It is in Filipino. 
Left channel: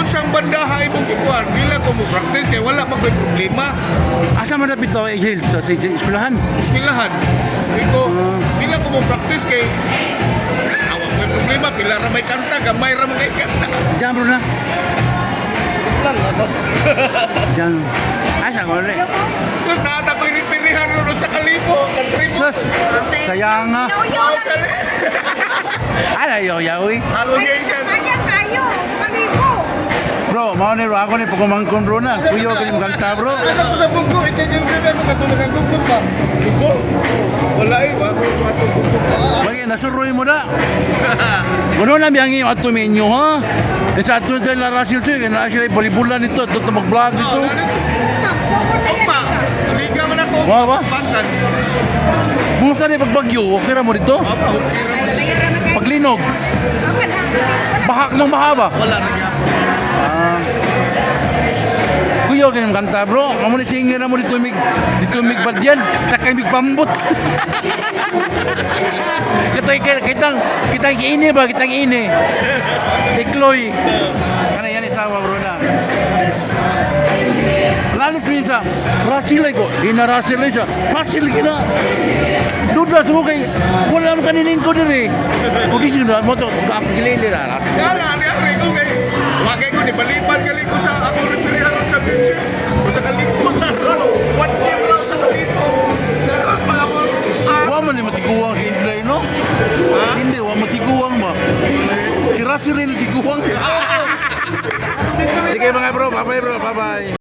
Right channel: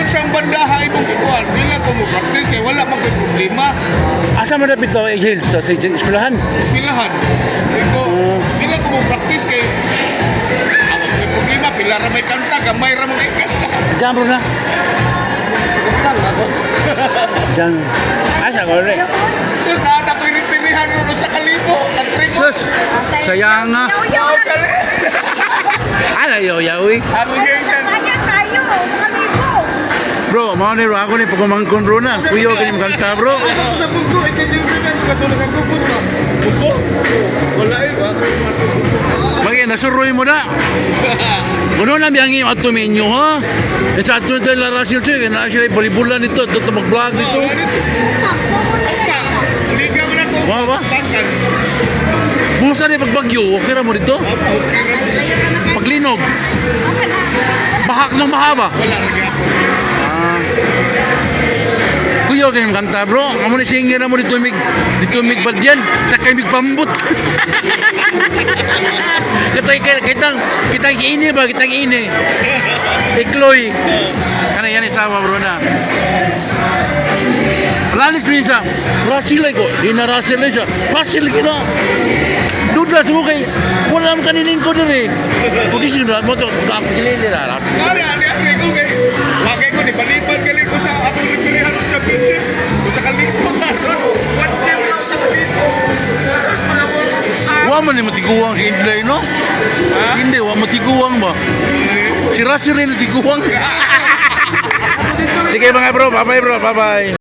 kung siyang bandaha imong gikuan, dila ko mo practice kay wala man koy problema. Asa man dapit to Hill sa eskwelahan? Eskwelahan. Diko, dila ko mo practice kay awak may problema, pila ra may kanta, gamay ra may kanta. Diyan bro na. Lang ako. Diyan. Asa ko rin. Sus, naata ko yung pilihan ron sa kalibo, country mo. Sus, sayang nga. Ala yaw-yawi. Ako yun siya. Sayang kayo, sa kalibo. Bro, mau ni ako ni pagkumangkon bro na. Kuyo kini kanta bro. Sa bugo, ito yung pilihan ko katulog ang bugo ba? Bugo? Wala eh, ba? Bagi nasuroy mo na. Kuno na biyangi yung ato menyo ha. Sa ato ito la Russell Choy, na sila balibulan ito, ito mag-vlog dito. Hindi ka man ako. Wow ba? Pangkan. Kumusta na pagbagyo? Okay na mo dito? Paglinog? Bahak ng mahaba? Wala rin ako. Kuyo kini kanta bro. Kamu ni singer mo dito mig badyan, sakay mig pambut. Kitang ini ba, kitang ini. Ikloy. Kana yan isawa bro na. Lalis rin siya. Rasil ko. Rasil rin siya. Rasil ko na. Duda semua kay wala man kanining ko dire. Pudi sino mo to, ako gilili ra. Kaya ani ako ko kay wagay ko ni balipan gali ko sa ako ni pilihan sa championship. Ko sa kalibo sa ron. What game ra sa kalibo. Mga mo. Wa man ni matiguang si Indlay no? Hindi wa matiguang ba? Si Rasil rin matiguang. Sige mga bro, bye bye bro, bye bye.